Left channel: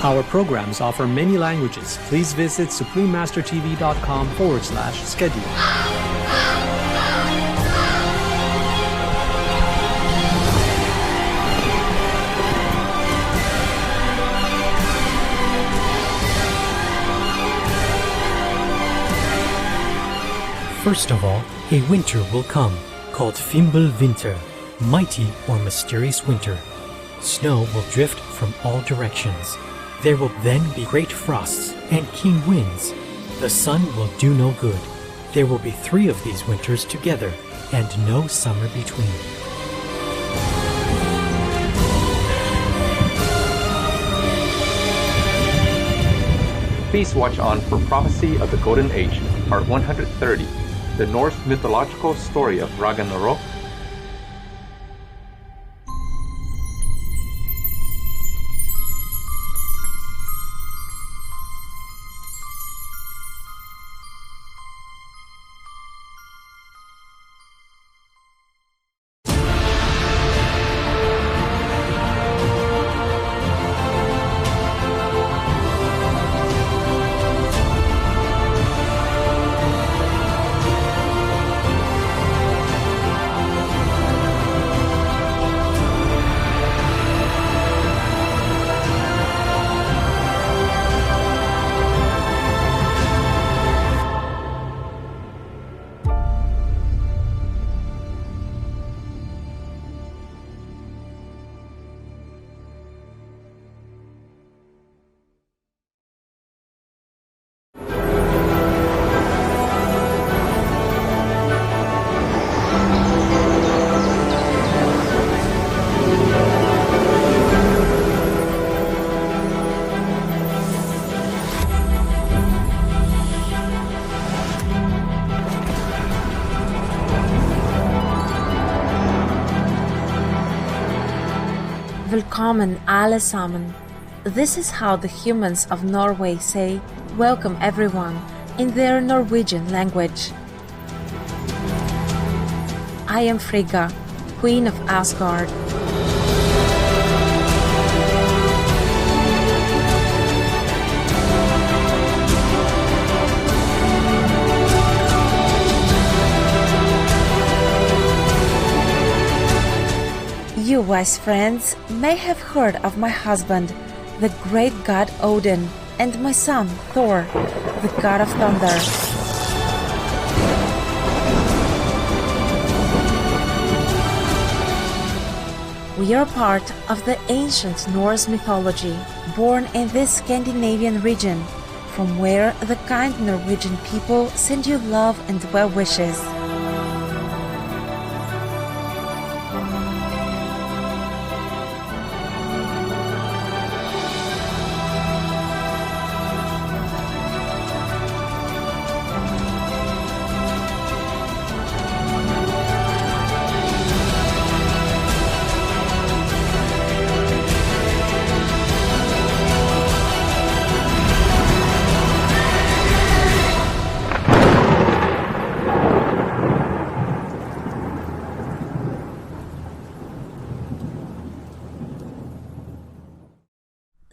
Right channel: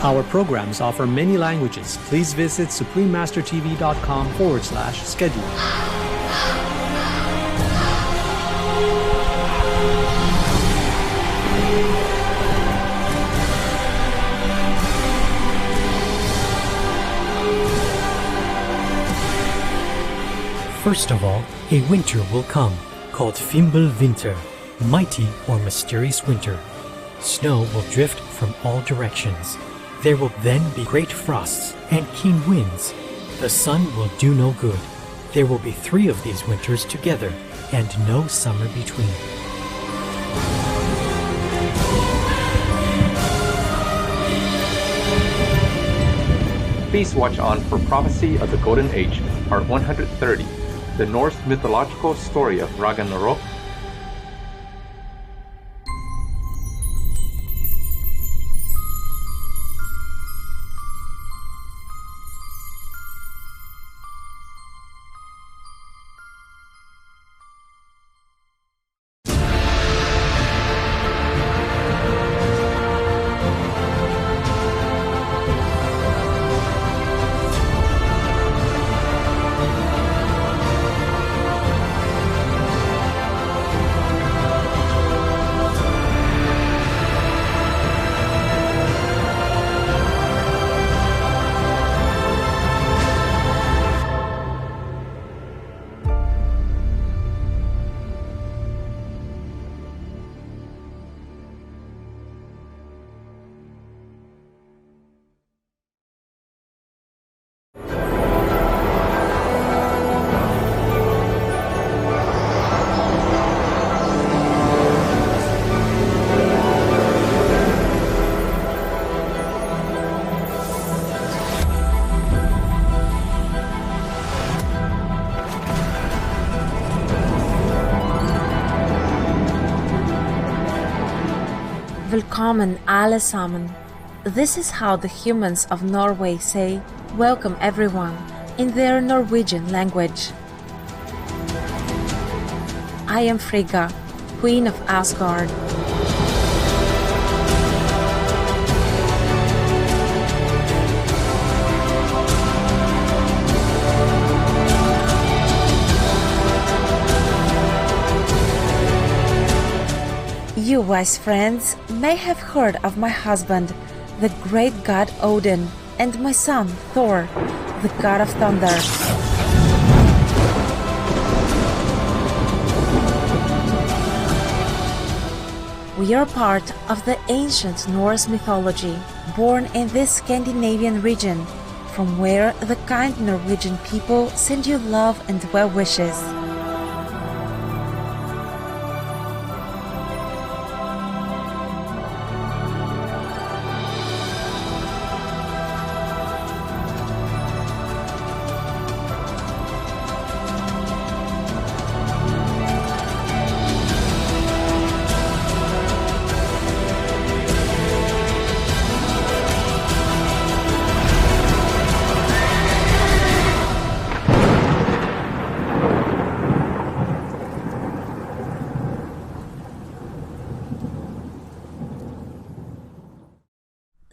Our programs offer many languages. Please visit suprememastertv.com/schedule. First of all, a winter will come, called Fimbul Winter, mighty or mysterious winter. Snow will drift from all directions. There will then be great frosts and keen winds. The sun will do no good. There will be 3 of these winters together, and no summer between. Please watch on for Prophecy of the Golden Age, Part 130, the Norse mythological story of Ragnarok. Velkommen alle sammen. This is how the humans of Norway say welcome everyone in their Norwegian language. I am Frigga, Queen of Asgard. You wise friends may have heard of my husband, the great god Odin, and my son Thor, the god of thunder. We are part of the ancient Norse mythology, born in this Scandinavian region, from where the kind Norwegian people send you love and well wishes.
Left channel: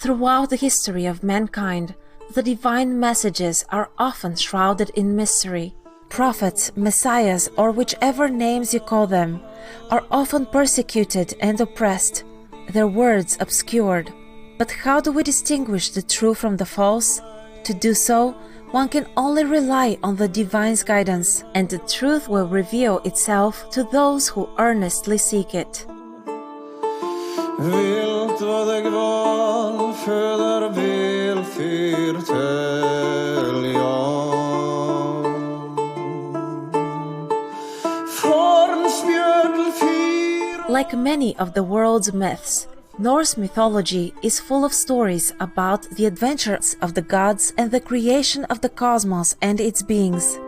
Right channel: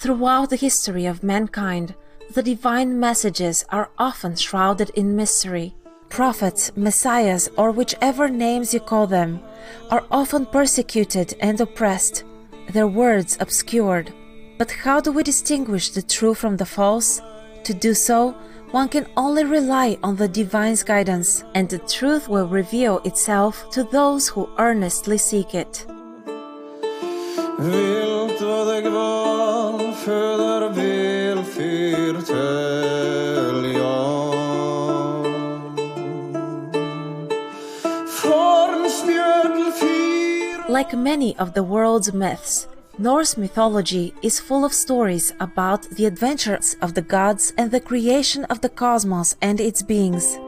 Throughout the history of mankind, the divine messages are often shrouded in mystery. Prophets, messiahs, or whichever names you call them, are often persecuted and oppressed, their words obscured. But how do we distinguish the true from the false? To do so, one can only rely on the divine's guidance, and the truth will reveal itself to those who earnestly seek it. Vilt vad deg val föder vel fyrtälja. Like many of the world's myths, Norse mythology is full of stories about the adventures of the gods and the creation of the cosmos and its beings.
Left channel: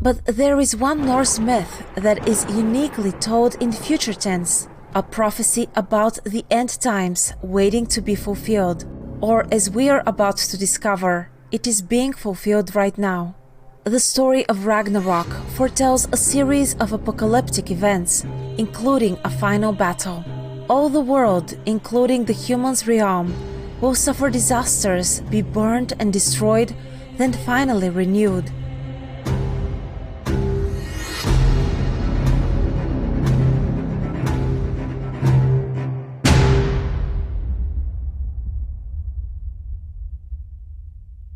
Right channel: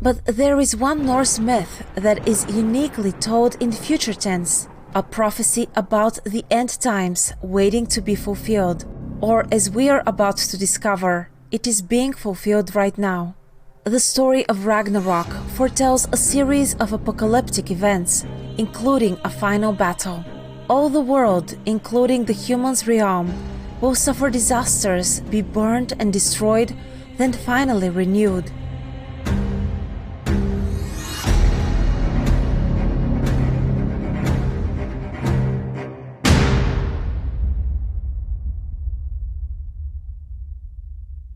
But there is one Norse myth that is uniquely told in future tense, a prophecy about the end times waiting to be fulfilled, or as we are about to discover, it is being fulfilled right now. The story of Ragnarok foretells a series of apocalyptic events including a final battle. All the world, including the human's realm, will suffer disasters, be burned and destroyed, then finally renewed.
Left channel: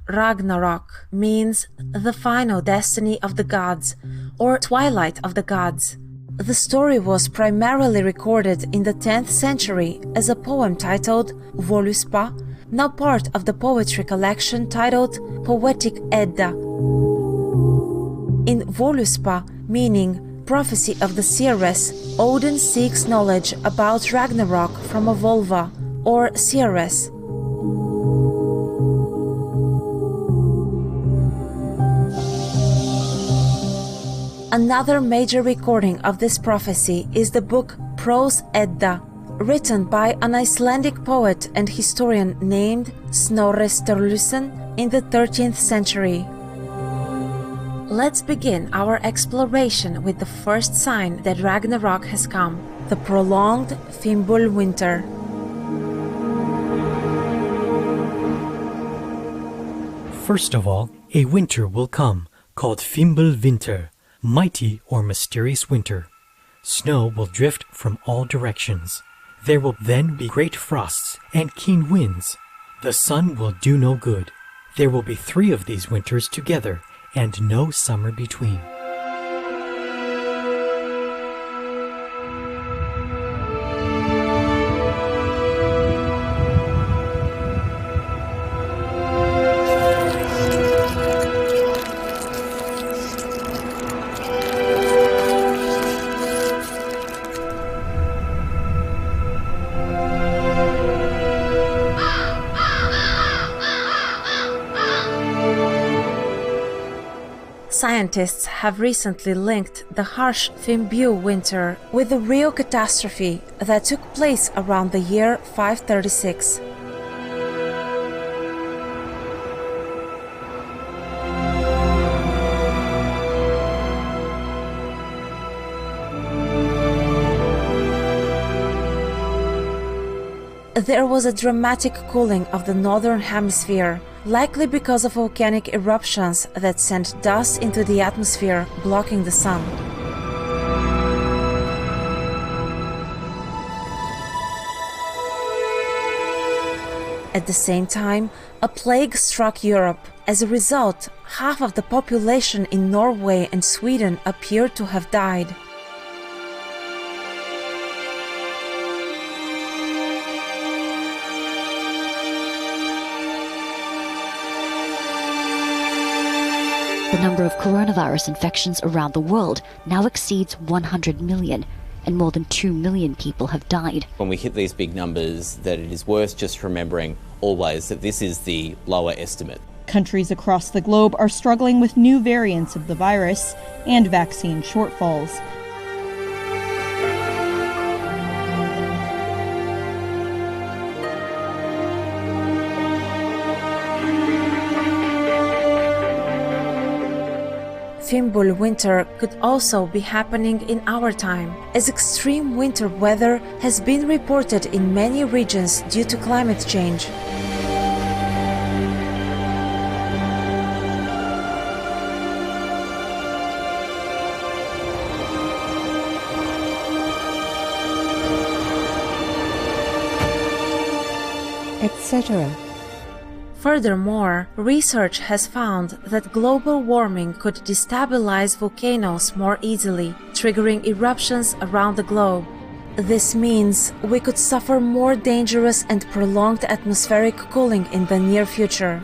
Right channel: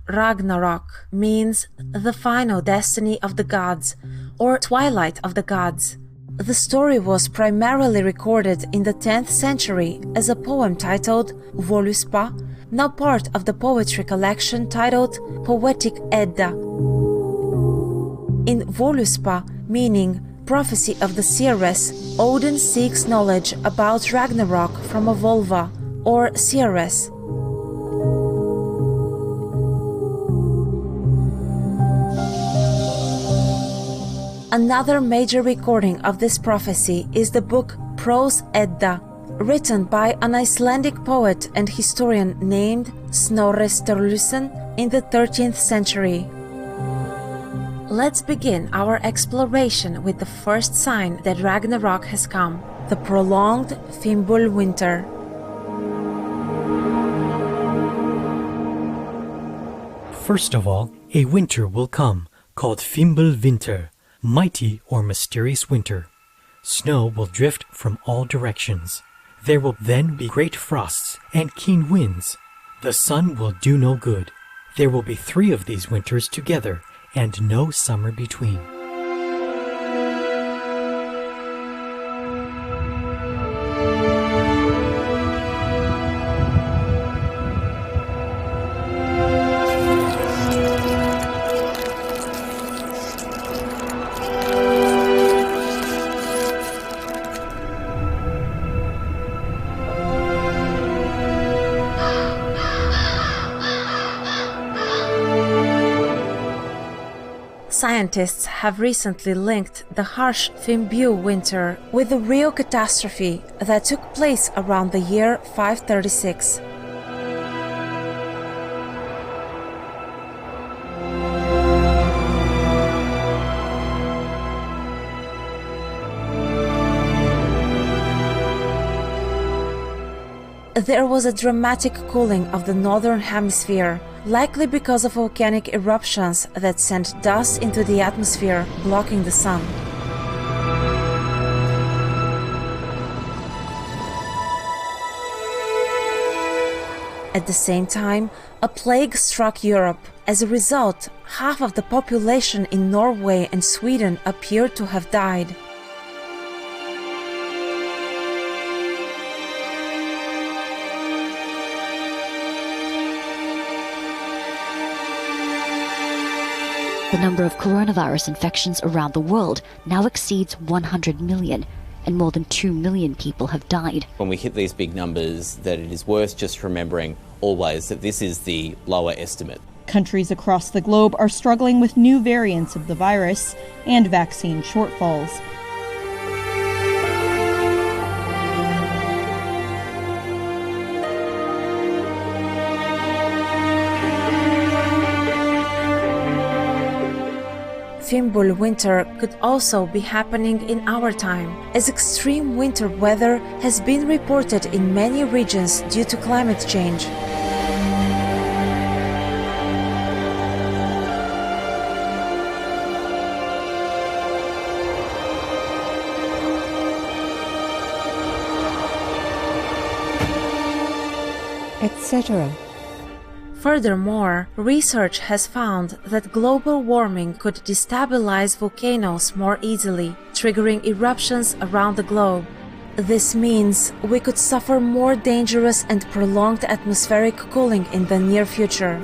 Ragnarok means the final destiny of the gods, or twilight of the gods. The story was primarily recorded in the 10th century as a poem titled Voluspa, now part of the poetry collection titled Poetic Edda. In Voluspa, meaning prophecy of the seeress, Odin seeks knowledge about Ragnarok from a Volva, or seeress. Another major recording of this prophecy is the book Prose Edda, written by an Icelandic poet and historian named Snorri Sturluson in the 13th century. Let's begin our exploration with the first sign that Ragnarok has come, the prolonged Fimbul winter. First of all, a winter will come, called Fimbul winter, mighty or mysterious winter. Snow will drift from all directions. There will then be great frosts and keen winds. The sun will do no good. There will be 3 of these winters together, and no summer between. Scientists have recently linked the harsh Fimbul winter with the real catastrophe that took place around the year 536. There was a dramatic cooling of the northern hemisphere, likely because of volcanic eruptions that sent dust into the atmosphere, blocking the sun. At the same time, a plague struck Europe. As a result, half of the population in Norway and Sweden appeared to have died. The number of coronavirus infections around the world now exceeds 100 million, and more than 2 million people have died. When we hit these big numbers, that it is worth just remembering always that this is the lower estimate. Countries across the globe are struggling with new variants of the virus and vaccine shortfalls. Fimbul winter could also be happening in our time, as extreme winter weather has been reported in many regions due to climate change. Etc. Furthermore, research has found that global warming could destabilize volcanoes more easily, triggering eruptions around the globe. This means we could suffer more dangerous and prolonged atmospheric cooling in the near future.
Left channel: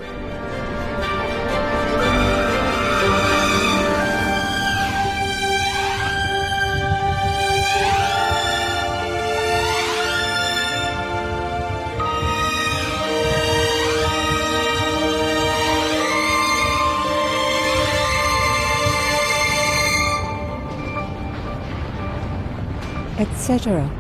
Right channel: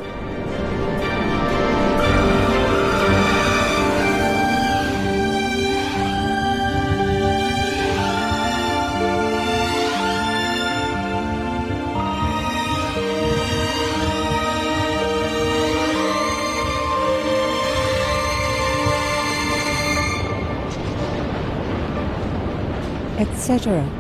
Etc.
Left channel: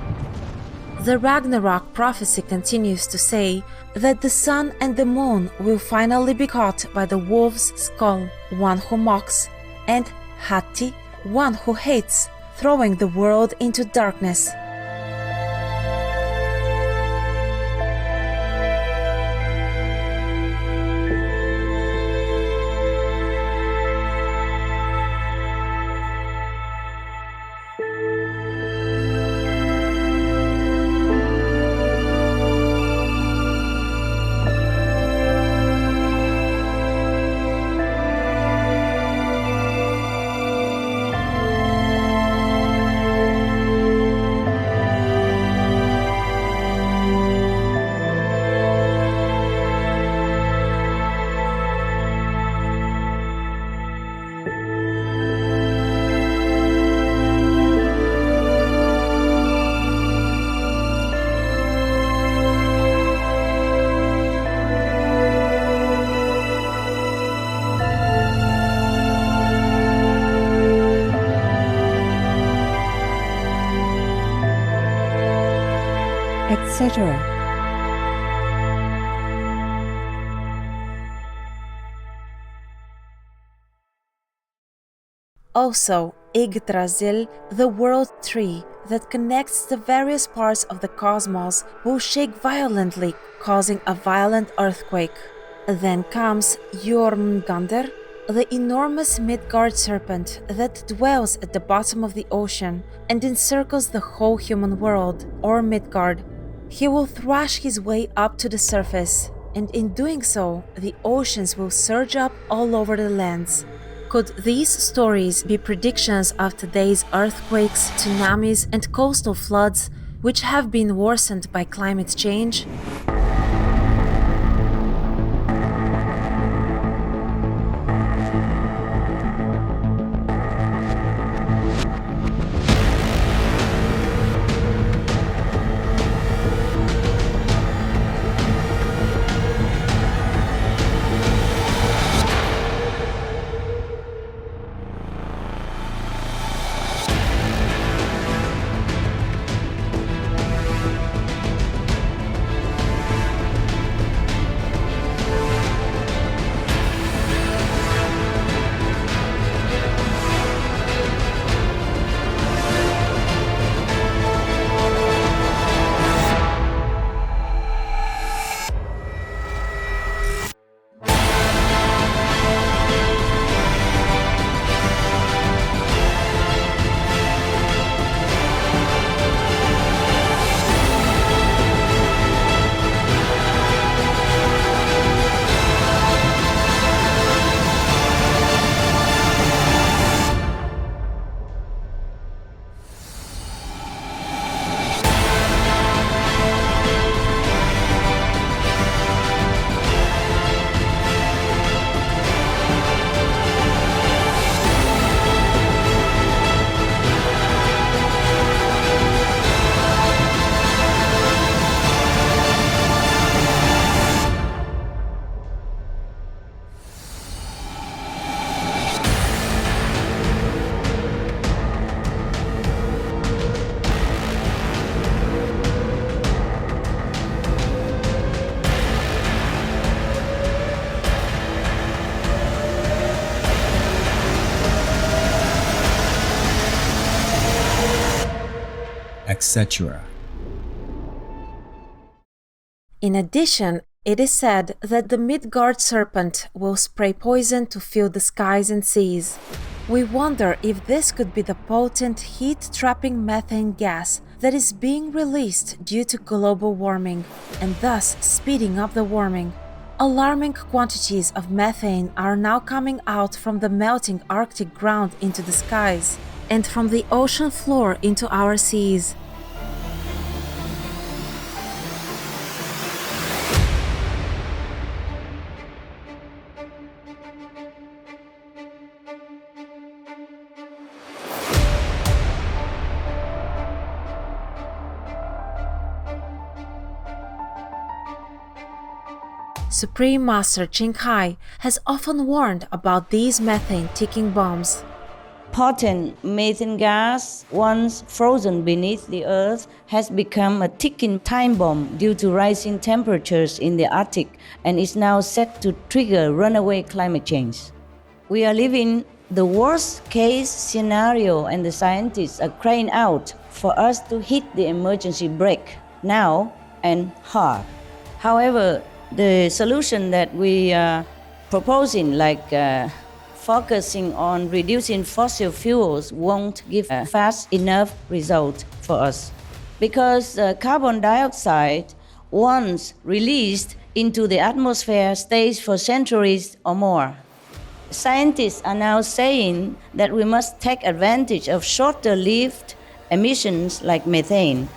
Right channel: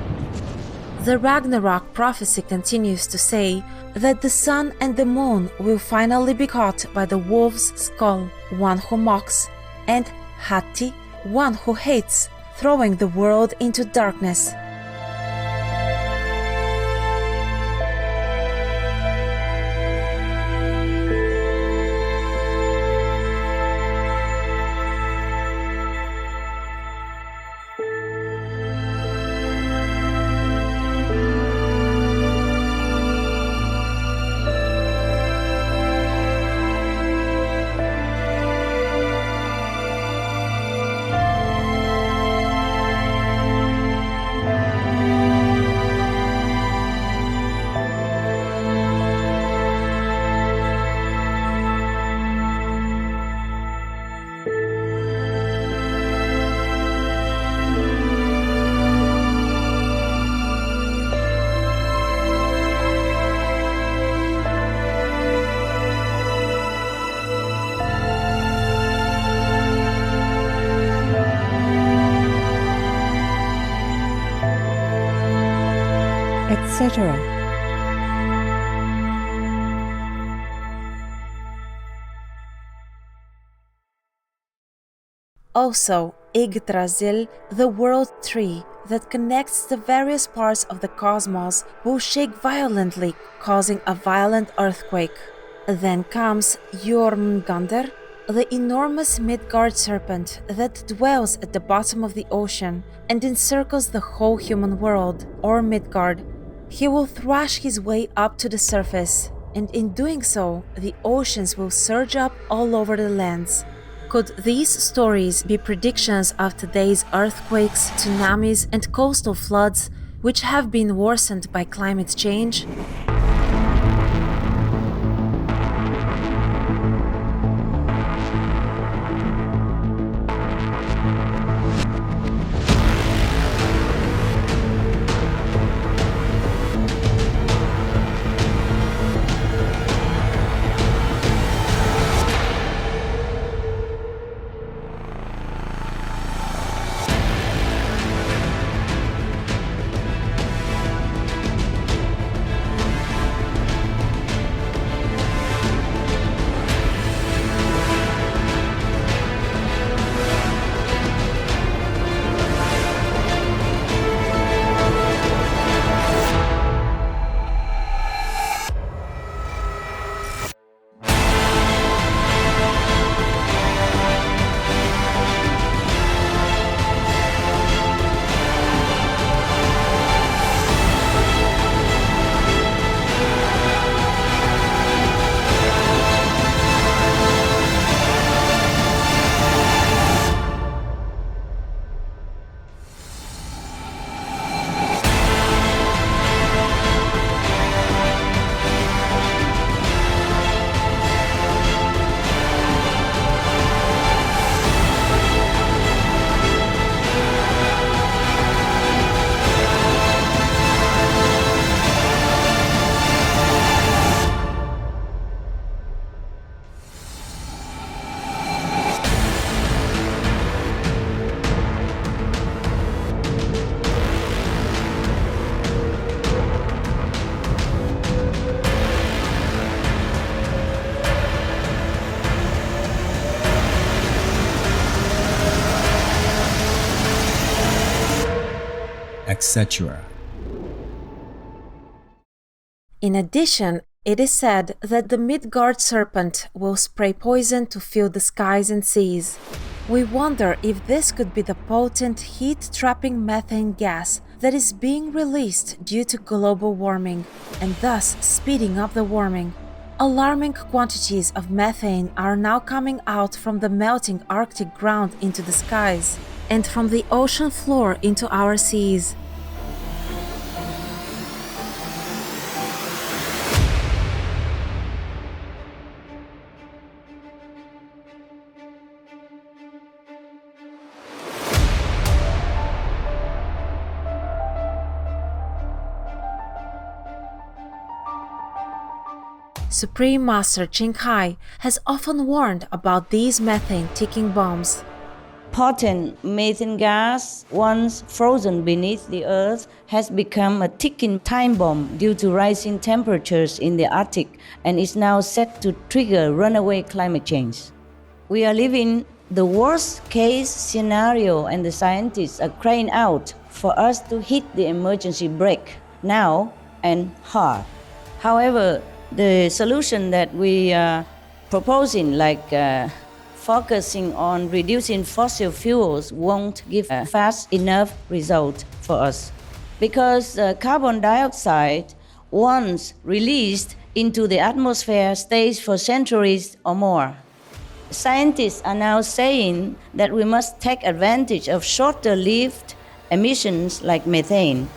The Ragnarok prophecy continues to say that the sun and the moon will finally be caught by the wolf's skull, one who mocks, and Hati, one who hates, throwing the world into darkness. etc. Also, Yggdrasil, the world tree that connects the various parts of the cosmos, will shake violently, causing a violent earthquake. Then comes Jormungandr, the enormous Midgard serpent that dwells at the bottom of the ocean and encircles the whole human world, or Midgard. He will thrash his way up to the surface, and in doing so, the oceans will surge up all over the lands. Could these stories be predictions of today's earthquakes, tsunamis, and coastal floods, which have been worsened by climate change? etc. In addition, it is said that the Midgard serpent will spray poison to fill the skies and seas. We wonder if this could be the potent heat-trapping methane gas that is being released due to global warming, and thus speeding up the warming. Alarming quantities of methane are now coming out from the melting Arctic ground into the skies, and from the ocean floor into our seas. Supreme Master Ching Hai has often warned about these methane ticking bombs. Potent methane gas, once frozen beneath the earth, has become a ticking time bomb due to rising temperatures in the Arctic and is now set to trigger runaway climate change. We are living The worst case scenario, and the scientists are crying out for us to hit the emergency brake now and hard. However, the solution that we are proposing, like focusing on reducing fossil fuels, won't give a fast enough result for us. Because carbon dioxide, once released into the atmosphere, stays for centuries or more. Scientists are now saying that we must take advantage of shorter-lived emissions like methane,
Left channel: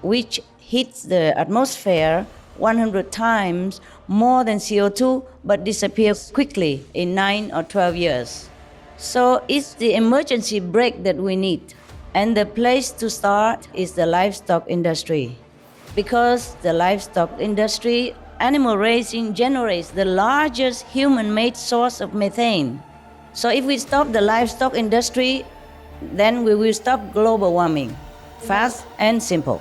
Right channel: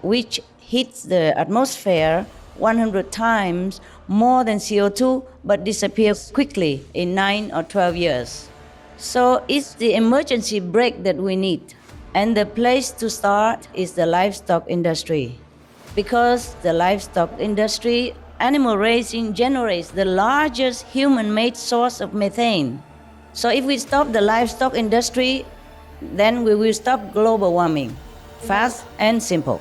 which hits the atmosphere 100 times more than CO2 but disappears quickly in 9 or 12 years. So it's the emergency brake that we need. And the place to start is the livestock industry. Because the livestock industry, animal raising generates the largest human-made source of methane. So if we stop the livestock industry, then we will stop global warming. Fast and simple.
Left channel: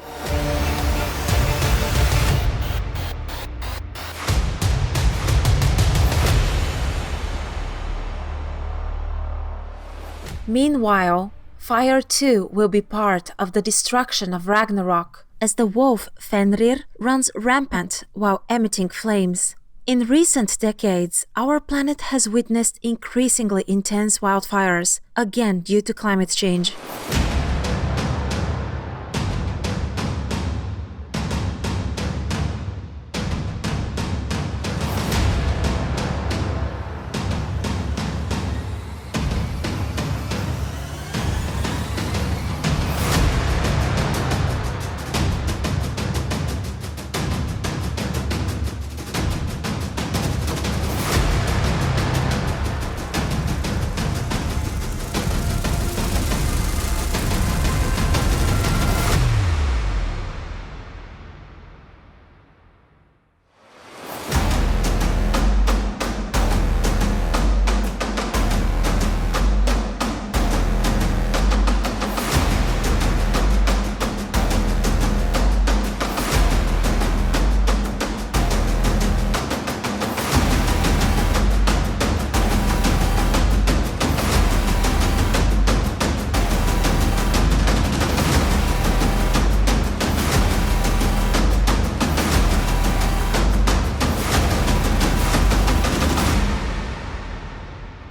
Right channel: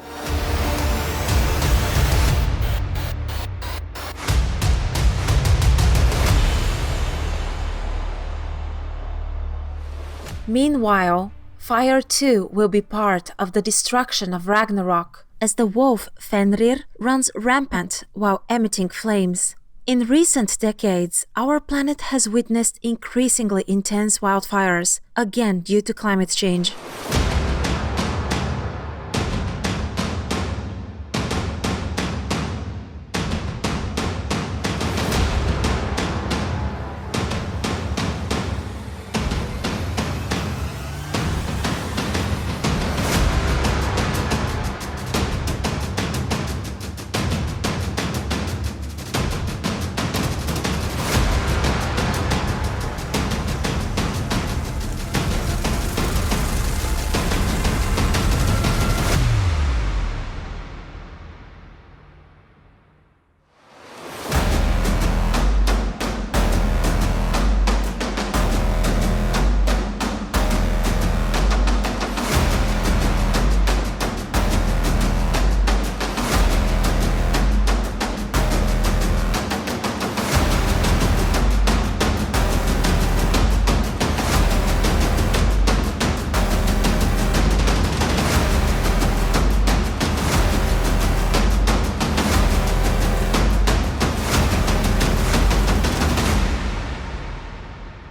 Meanwhile, fire too will be part of the destruction of Ragnarok, as the wolf Fenrir runs rampant while emitting flames. In recent decades, our planet has witnessed increasingly intense wildfires, again due to climate change.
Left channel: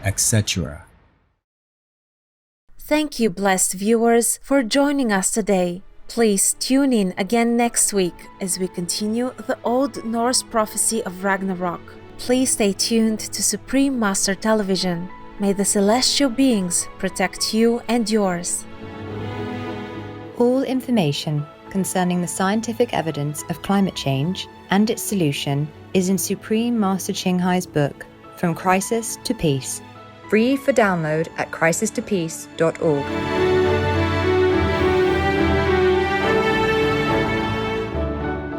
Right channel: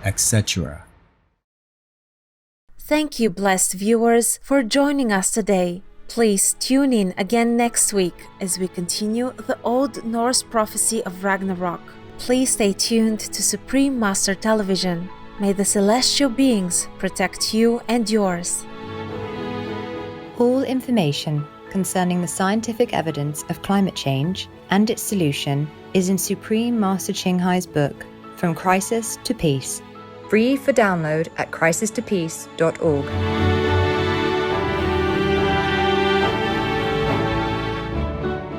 etc. Thank you, blessed viewers, for joining us today. Please tune in again next week as we continue the Old Norse prophecy of Ragnarok. Please stay tuned to Supreme Master Television. May the celestial beings protect you and yours. All information concerning the scientific evidence of climate change and its solution is in Supreme Master Ching Hai's book, From Crisis to Peace. Free for download at crisistopeace.org.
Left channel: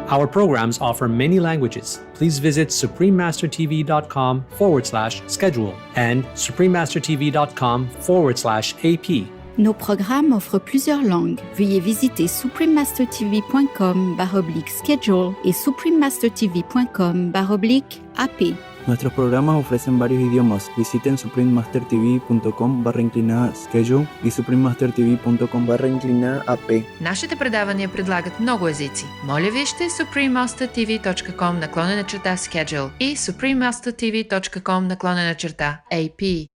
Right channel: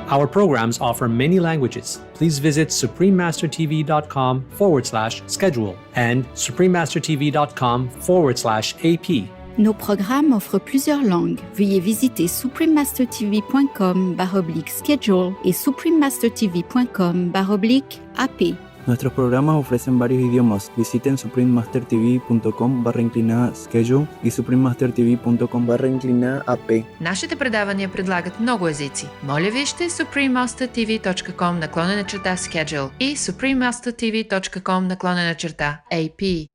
Our programs offer many languages. Please visit suprememastertv.com/schedule and suprememastertv.com/AP. Nos programmes offrent plusieurs langues. Veuillez visiter suprememastertv.com/schedule et suprememastertv.com/AP. Nuestros programas ofrecen varios idiomas. Visiten suprememastertv.com/schedule и suprememastertv.com/AP. Нашите предавания предлагат много езици. Моля вижте suprememastertv.com/schedule и suprememastertv.com/AP.